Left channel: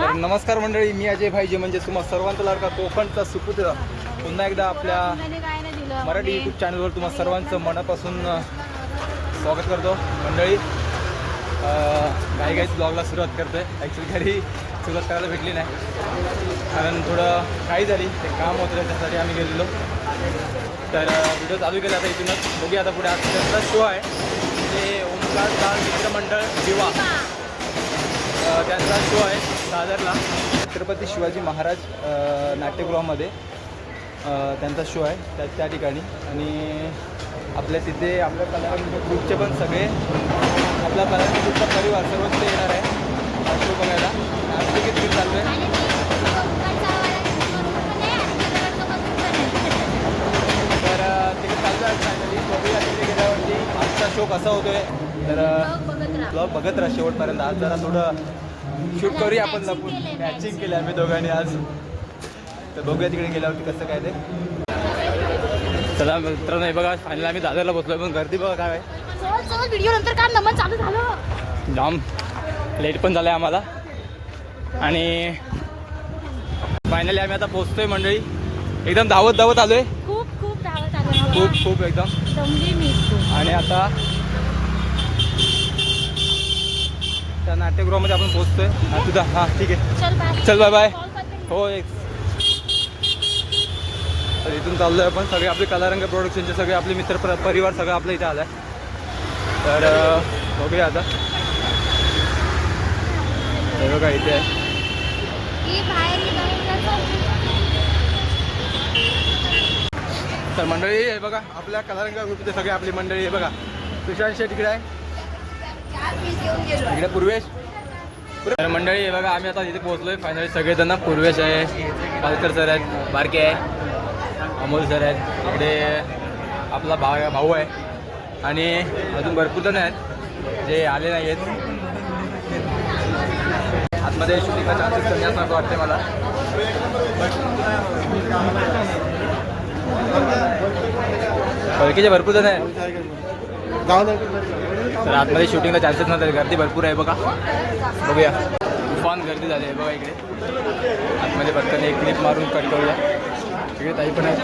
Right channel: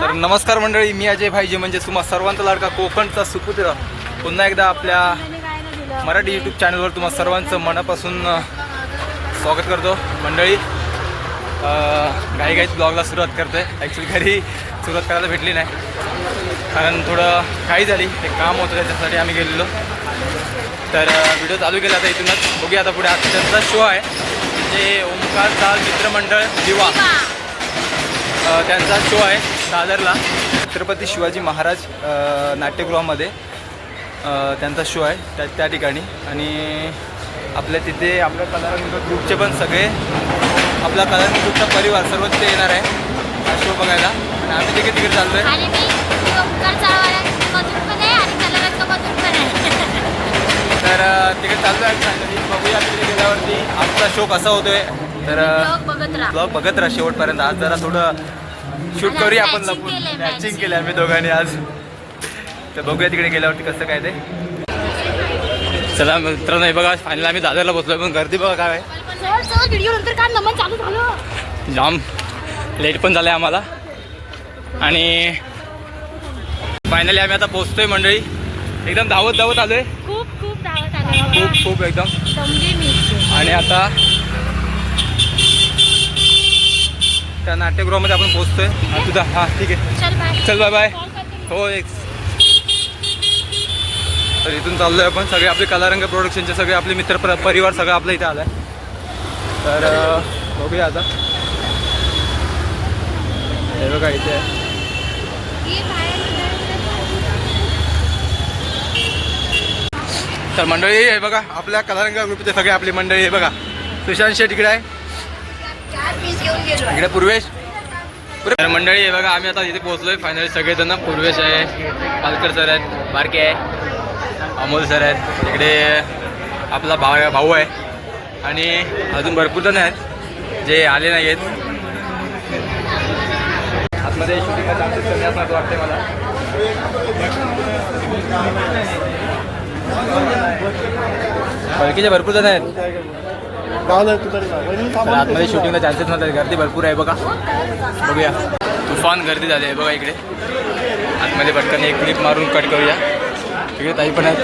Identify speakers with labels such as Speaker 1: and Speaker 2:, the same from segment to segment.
Speaker 1: तर नमस्कार मंडळी मी अजय भाईजी म्हणजे तुम्हा सर्वांचा लाडका कोकणचा सुपुत्र. पुन्हा एकदा आपल्या मराठी यूट्यूब चॅनलवर तुम्हा सर्वांचं मनापासून स्वागत करतो. मंडळी घाई घाईत ब्लॉगला सुरुवात करतो आहे ॲक्च्युली घरी सुरुवात करायला भेटली नाही. कारण थोडं काही झाली. ते काम होतं त्याच्यासाठी आम्ही गेलेलो. तर व्हिडिओ चालू केला आता इथूनच. बघूया आता पुढे. आता त्यांचा शो आहे म्हणजे ओंकार दाल मित्रमंडळ दिवा. त्यांचा शो आहे. दादरला छत्रपती शिवाजी महाराज नाट्यगृहामध्ये त्यांचा शो आहे त्या त्या ठिकाणी. आणि आपल्या तिथे आपल्या कलारंग ग्रुपचे पण सगळे आपला कलारंग ग्रुपचा परिवार सर्व तिथे येणार आहे. हा शो बघायला. आणि आम्ही तिकडे तिकडे चाललो आहे तर तिकडे चाललो आहे फायनली बघूया तिकडे गेल्यावरती आजचा शो कसा होतोय. तर
Speaker 2: बघत राहा
Speaker 1: शेवटपर्यंत. आज जरा थोडं शूट करूया आपण लपून. मॅचिंग. केलं आम्ही दोघांनी आज. तर बघूया तिकडे गेल्यावरती कसं काय ते. चला मित्रांनो हे बघा फायनल आम्ही दादरला बसलोय पण गर्दी बघा काय जाम. लेट पण झालं आहे आम्हाला. आणि फायनली आम्ही आता पोचतोय मंडळी. एकदम धावत धावत आलोय.
Speaker 2: खूप खूप धावत आलं
Speaker 1: खूप खूप एकदम. आणि आता त्या नाट्यगृहामध्ये आपण पोचतोय हा तुझा हा ठीक आहे.
Speaker 2: चल बाय
Speaker 1: बाय हो एक. तर इथून चाललोय आपण. सगळे आपले कलारंग प्रोडक्शनचे सगळे आपले मित्र पर- परिवार सगळं आपलं इथे आलाय. तर बघूया आता. हे बघा इथे आहे. तर मंडळी हे बघा आपल्या कलारंग ग्रुपचे सगळे आपली मंडळी हे बघा. सुशांत शेठ इकडे आहे. इकडे पूर्वेश. तर मंडळी हे बघा आम्ही आता इथे पोहोचलोय. फायनली सगळेजण पूर्वेश आहे. कालकर सर आहेत बारके आहे अमोल सर आहेत. इकडे आपला भाव भाऊ आहे. आणि अजून भरपूर जण आहेत जे आले नाही आहेत आतमध्ये शूटिंगचा चान्सेस कमी असणार असं वाटतंय मला. बळकीचे भरपूर जण आहेत. तर आतमध्ये शूटिंगला चान्सेस नव्हते गर्दी भरपूर आहे बघा. बघूया. तुफान गर्दी झाली आहे बघा इकडे. आतमध्ये पटकन एक क्लिप मारून कट करूया. इकडे ताई पण आहेत.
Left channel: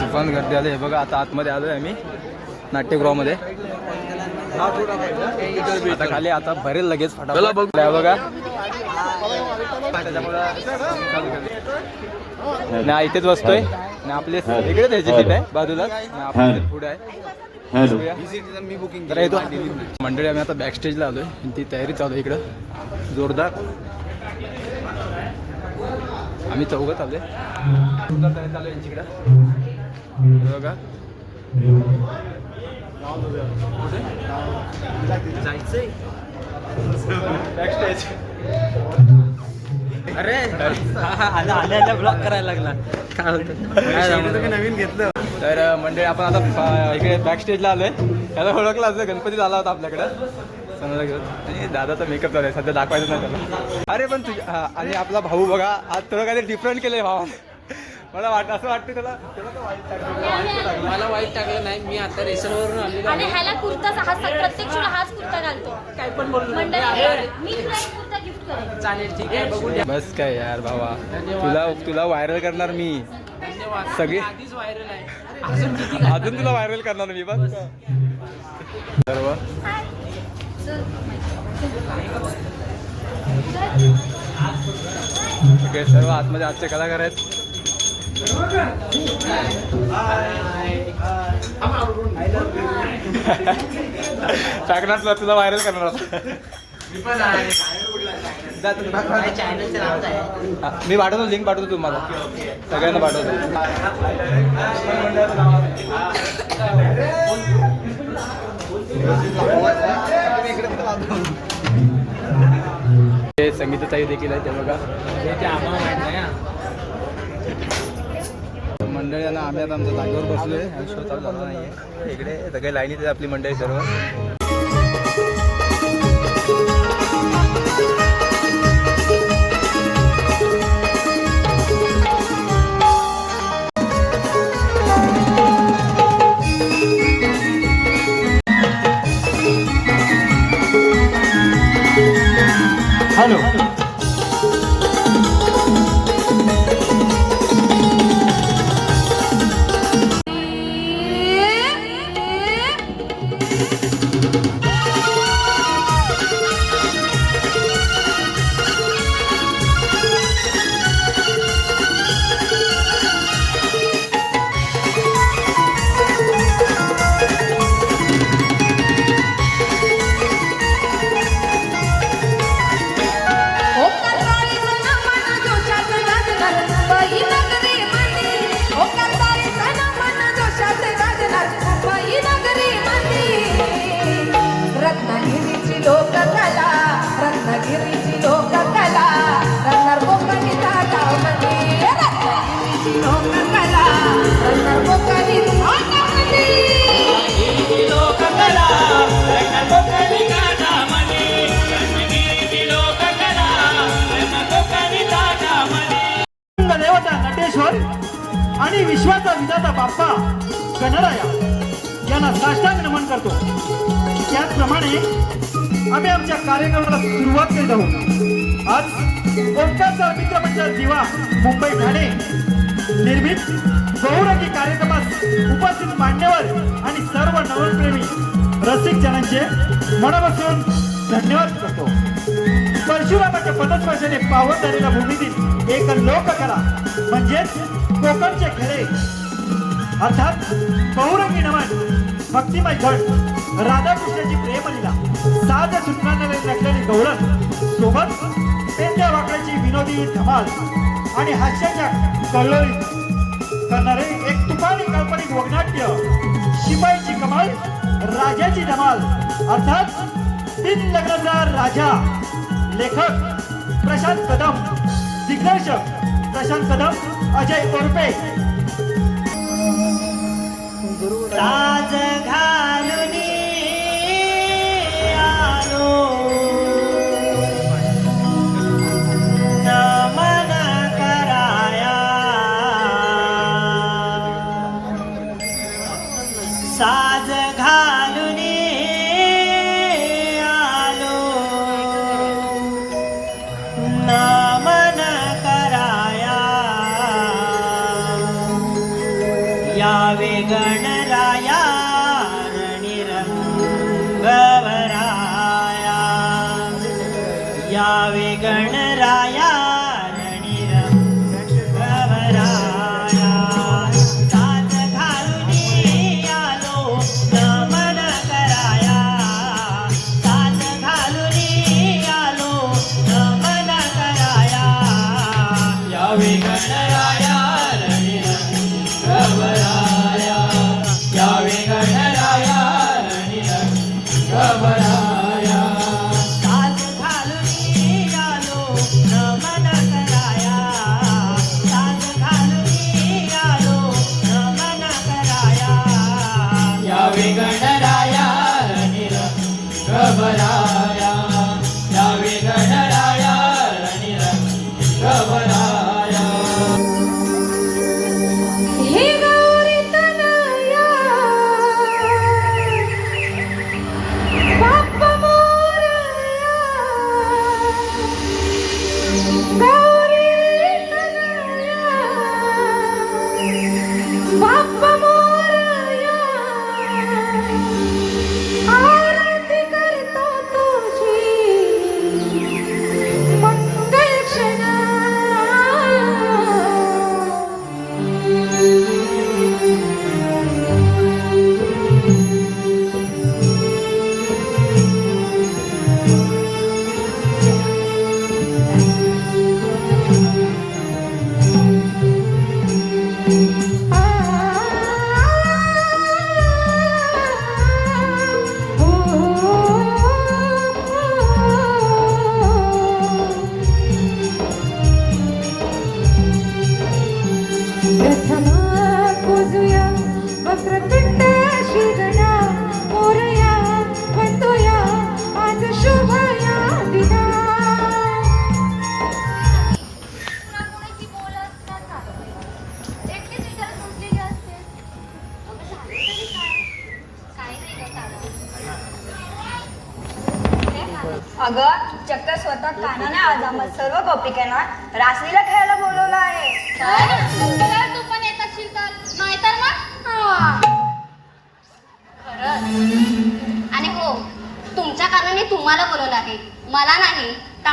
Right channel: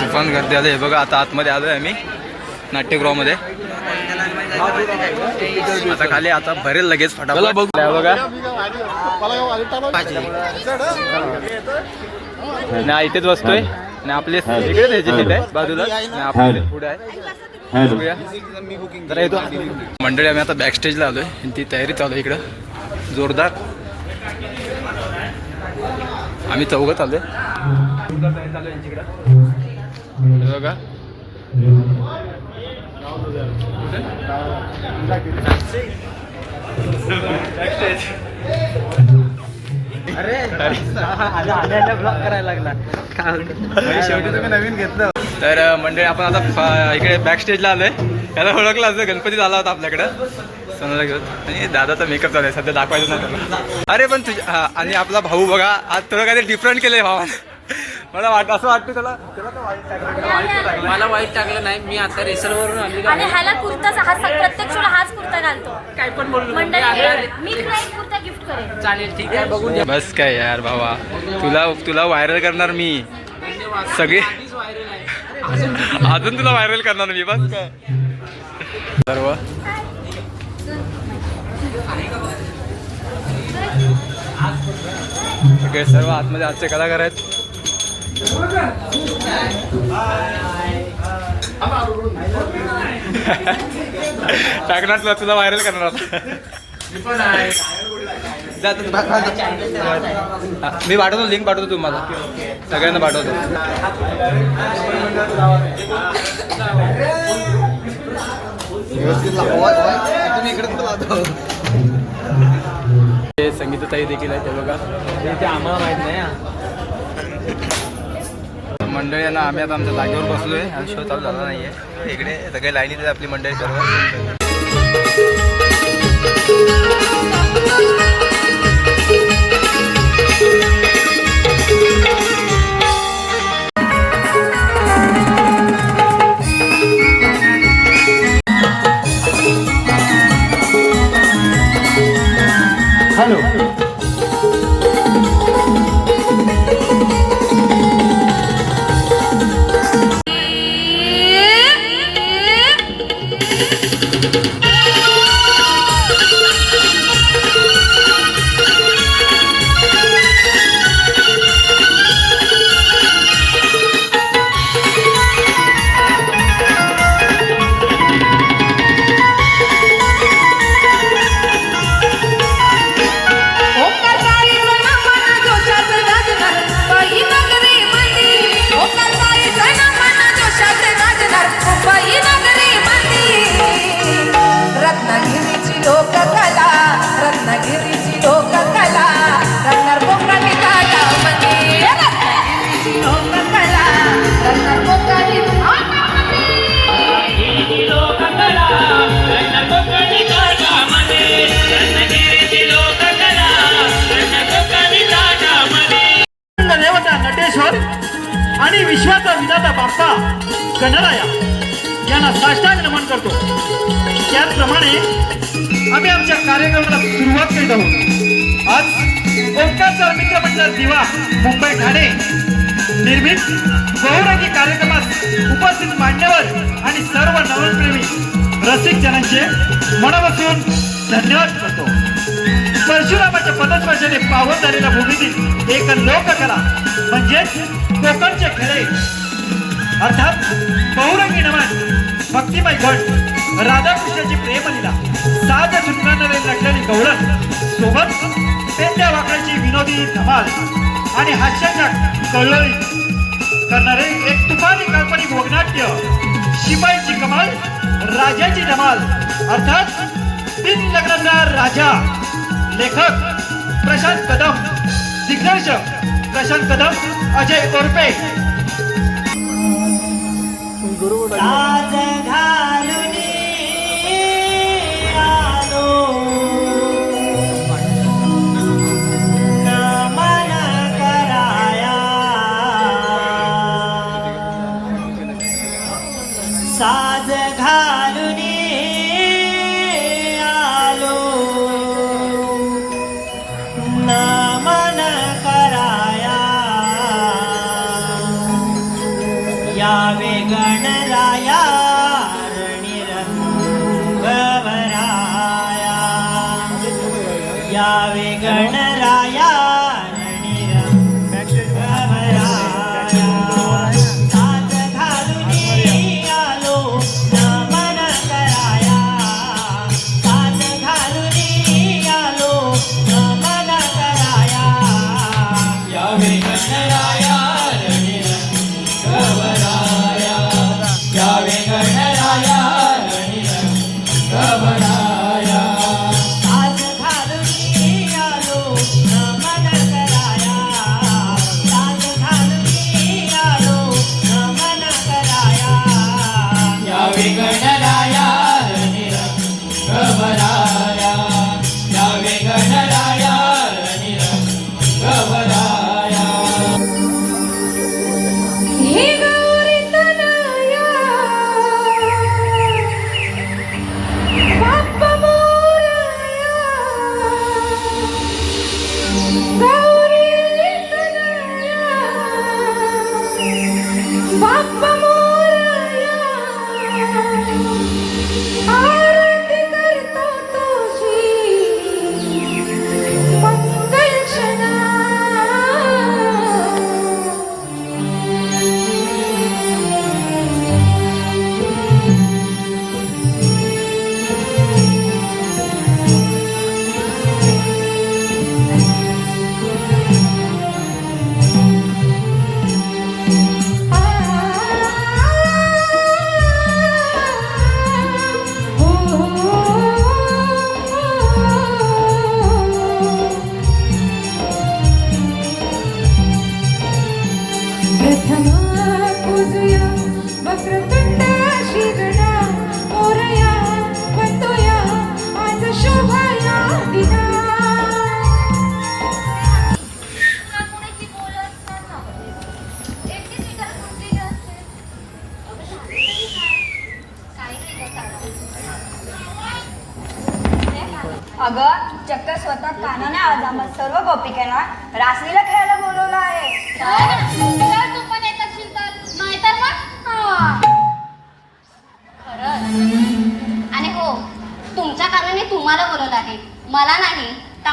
Speaker 1: तुफान गर्दी आली आहे बघा. आता आतमध्ये आलो आहे आम्ही नाट्यगृहामध्ये. आता खाली आता भरेल लगेच फटाफट. बघा. नाही इथेच बसतोय. आणि आपले इकडेच ह्याची सीट आहे बाजूला. आणि आपली पुढे आहे. बघूया. जरा येतो. मंडळी आम्ही आता बॅक स्टेजला आलोय. आणि ती तयारी चालू आहे इकडं. जोरदार. आम्ही चौघत जोरदार तयारी चालू आहे इकडं. हे बघा.
Speaker 3: अरे. आला आल्या ब्लॉक करायला लागला. तुम्ही नवीन घेतलं.
Speaker 1: तर मंडळी आपण आता इकडे बॅक स्टेजला आलोय. त्याला ओळखला असं गणपती झाला होता आपल्याकडं. सणाला घेऊन. आणि दादाचा मेकअप चालू आहे. सध्या दाखवायचं ना त्याला. अरे पण तुझ्या आणि आपला भाऊ बघा आज थोडं काहीतरी डिफरंट केलंय भावानं. मला वाट असं वाटतं त्याला त्याला काय वाईट टाकलं, त्याला वाईट टाकलं.
Speaker 3: मला वाईट टाकलं नाही मी आता रेसर वरून आलेलो
Speaker 2: आणि
Speaker 3: आहे
Speaker 2: ह्याला कुर्ताच हा प्रत्येक शोला हाच कुर्ता घालतो.
Speaker 3: काय पण बोललो नाही. मी
Speaker 2: मंडळी
Speaker 3: आता
Speaker 2: मी तुला एक कुर्ता गिफ्ट करेन.
Speaker 3: चालेल ठीक आहे. बघू
Speaker 1: बस काय यार भावा. तुला तुला व्हायरल करणार मी. सगळे
Speaker 3: आधीच व्हायरल आहे.
Speaker 1: अजून तुला व्हायरल करणार मी बस काय. सर्व सगळे सर्व आतमध्ये आजचे कलाकार आहेत. टाकणार तुला तुला व्हायरल करणार आता. मी पाठवतो लिंक पाठवतो तुम्हाला. सगळ्यांना पाठवतो. ते संगीताताई देखील आहे ते बघा.
Speaker 3: ते आम्हाला माहीत नाही.
Speaker 1: मंडळी आहे ना आम्ही आता आमच्या जागेवर बसलो आहे आणि शो चालू झाला नाही आहे इकडे सगळे लाईनीत आहे आपली मंडळी सर्व.
Speaker 4: गणराया यांना साष्टांग नमन करतो. त्याचप्रमाणे आम्ही आमच्या कार्यक्रमाला सुरुवात करीत आहोत. आज ओंकारचा मित्र मंडळ दिवा मुंबई ठाणे निर्मित बहुरंगी कार्यक्रमात उपस्थित मान्यवर आणि सर्व नवनप्रेमी रसिक जनांचे मनापासून धन्यवाद करतो. परशुरामाच्या पदस्पर्शाने पावन झालेल्या भूमीतील एक लोककला म्हणजेच कोकणचे खेळे अर्थात बहुरंगी नमन भक्तिमय गट राधाकृष्णाची प्रेमलीला साज सुटणारे लढलेली गवळण सोबत पेंड्या वाकड्याची विनोदी धमाल आणि हास्याच्या कळळी करणारे एक तुफानी काल्पनिक वगनाट्य शिपाईची कमाल राजाची धमाल अर्थात तीन लग्नाचा राजा. लेखक प्रशांत कदम दिग्दर्शक प्रशांत कदम अजय कोरपे. साज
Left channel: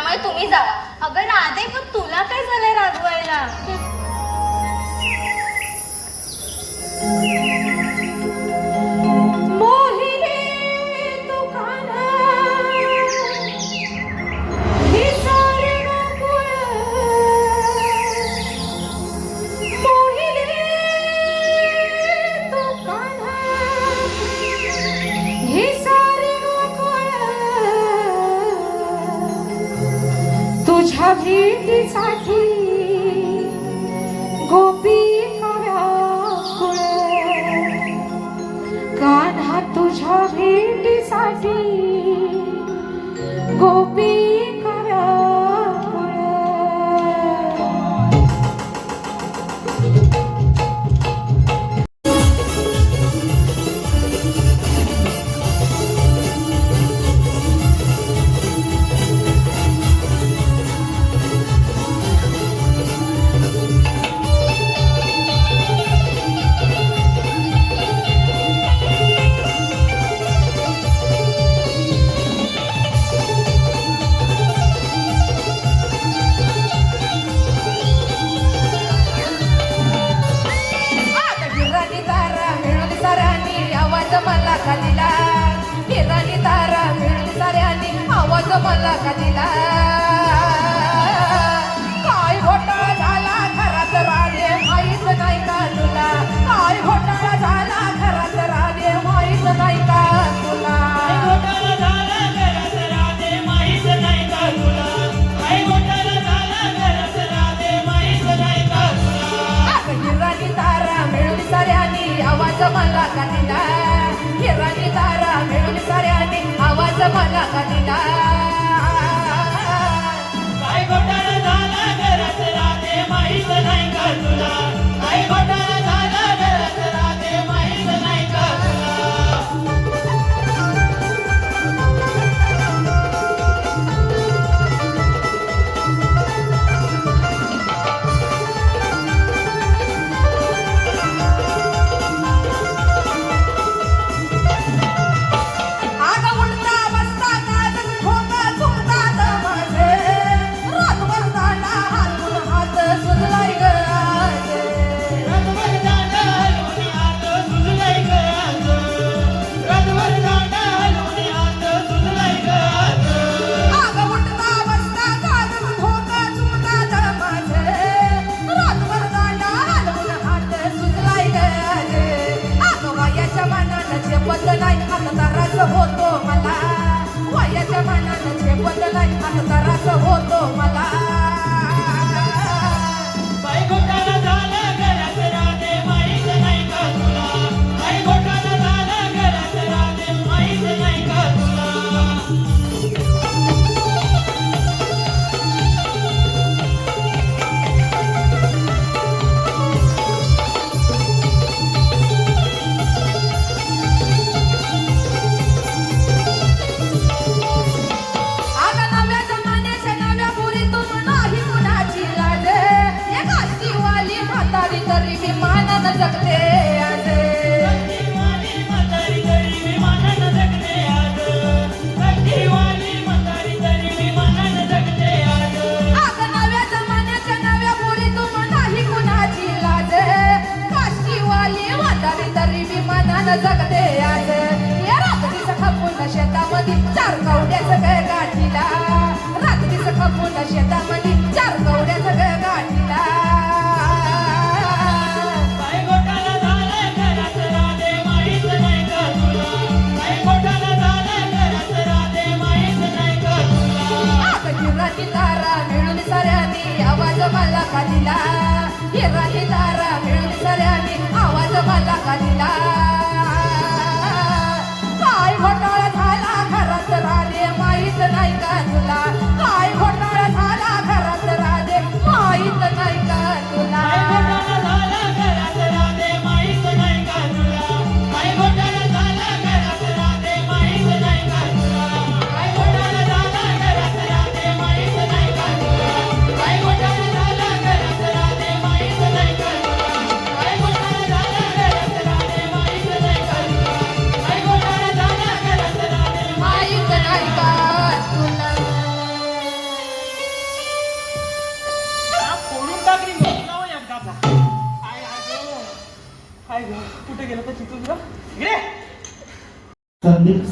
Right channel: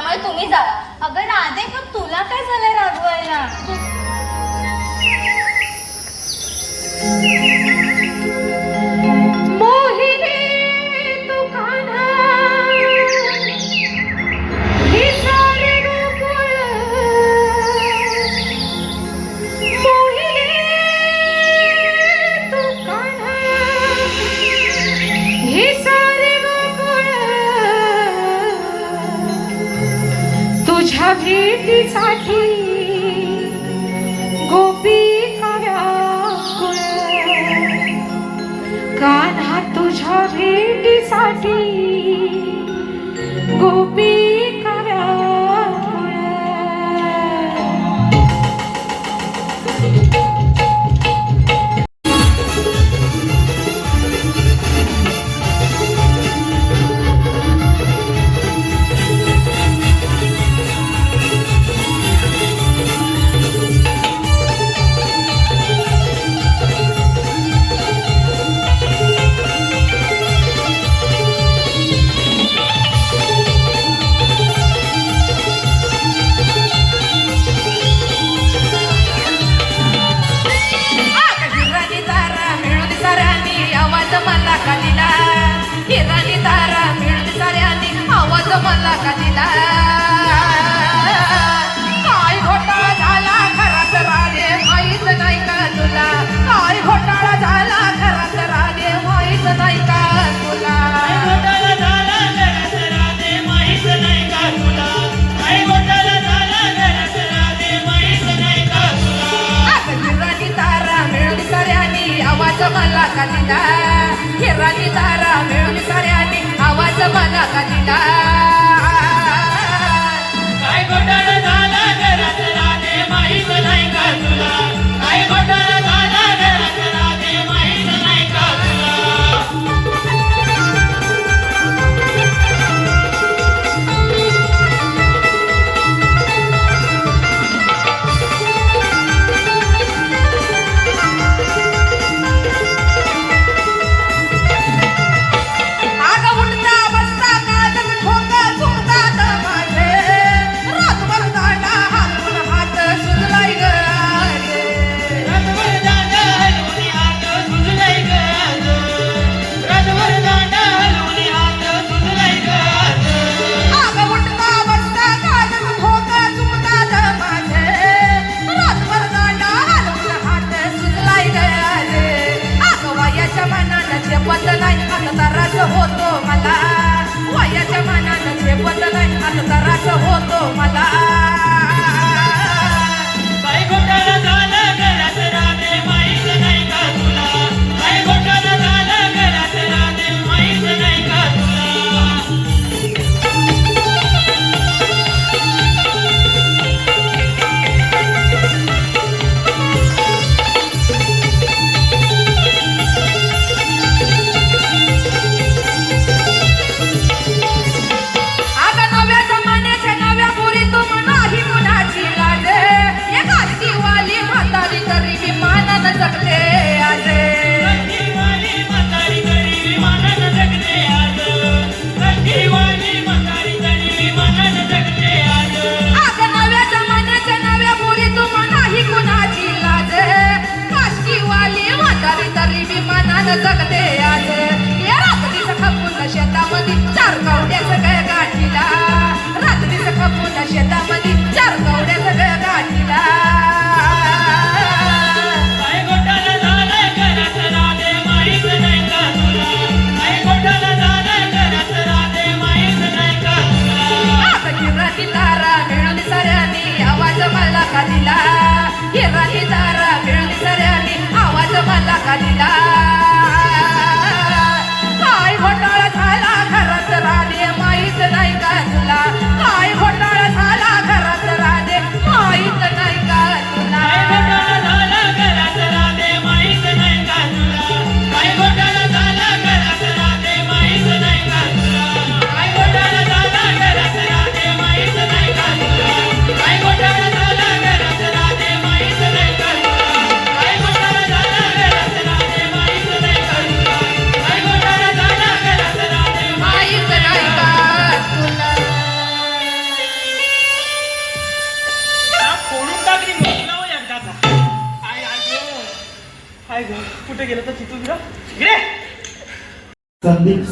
Speaker 5: त्यामुळे तुम्ही जा.
Speaker 2: अगं राधे पण तुला काय झालंय रागवायला?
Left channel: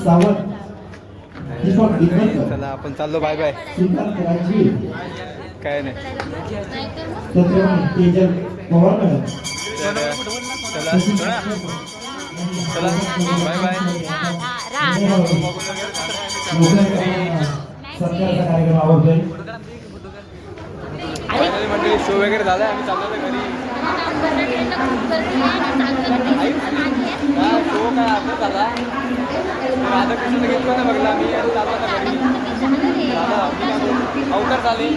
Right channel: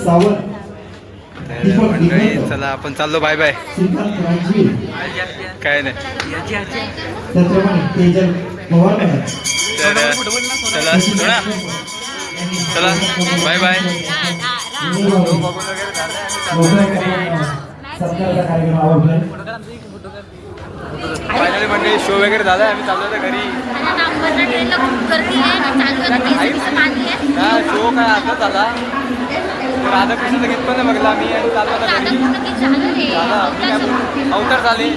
Speaker 6: सावंत.
Speaker 1: चला आपण चाललो बाय बाय काय नाही. तर चला सोडा. चला बाय बाय
Speaker 6: सरकारचा कार्यक्रम आवडतोय.
Speaker 1: फायनली मंडळी शो वगैरे झाला आम्ही चाललो होतो घरी.
Speaker 3: आता चालू
Speaker 1: शो काय आता झाला. तर राधाकृष्णाचं गीत पण बघला आम्ही आणि चाललो होतो
Speaker 3: दादा
Speaker 1: घरी.
Speaker 3: झालं
Speaker 1: मी काय बोलू? अवतार झाले.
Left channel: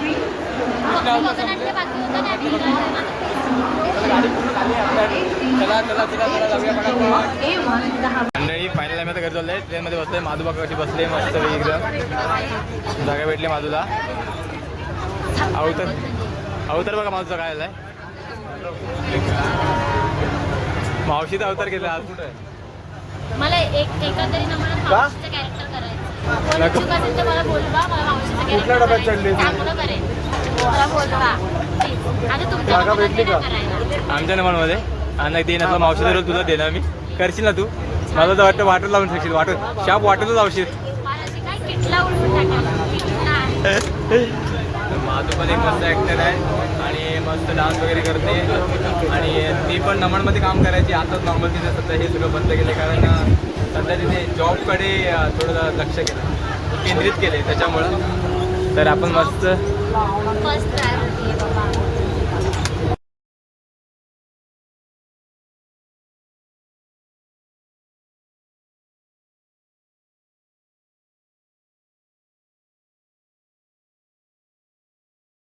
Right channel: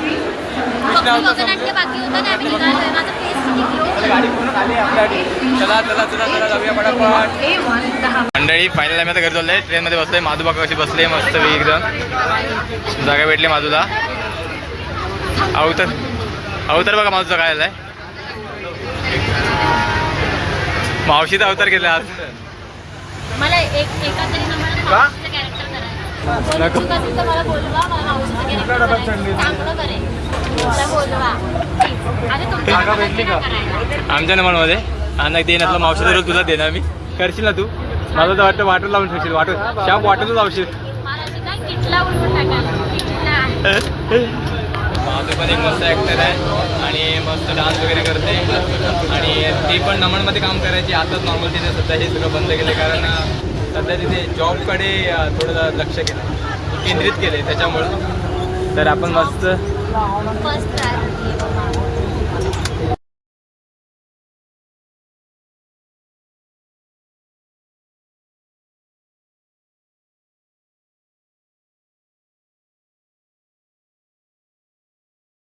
Speaker 1: चला चला चला चला जाऊया पटापट. मंडळी फायनल आम्ही आता घरी चाललोय. ट्रेनमध्ये बसलोय. माधू बघा कशी बसले? मस्त एकदम. जागा भेटली माधूला. अवतर अवतार बघा माधूचा काय आलाय? मावशीचा अवतार केला आज.
Speaker 3: मला एक एका तरी नंबर कॅरेक्टर
Speaker 1: नको.
Speaker 3: मला बोलवा मला मावशीचं कॅरेक्टर चांगलं मला बोलवा. तुमच्या
Speaker 1: आमच्या नंबरमध्ये आणि देण्यातला मावशीचा रोल तुला देणार मी. करशील ना तू? मला तर वाटतं वाटर लावून शकशील वाटर शाप वाटरच लावशील. माझं पण एक मस्त ॲक्टर आहे आणि मस्त डान्स वगैरे करते. आणि ती पण नमनमध्ये काम करायची. आताच नॉर्मल तिने सध्या हे सगळं बंद केलं कारण सध्या तिथे जॉबकडे थोडं लक्ष केलं केंद्रित केले त्याच्यामुळे. तर आपण मस्त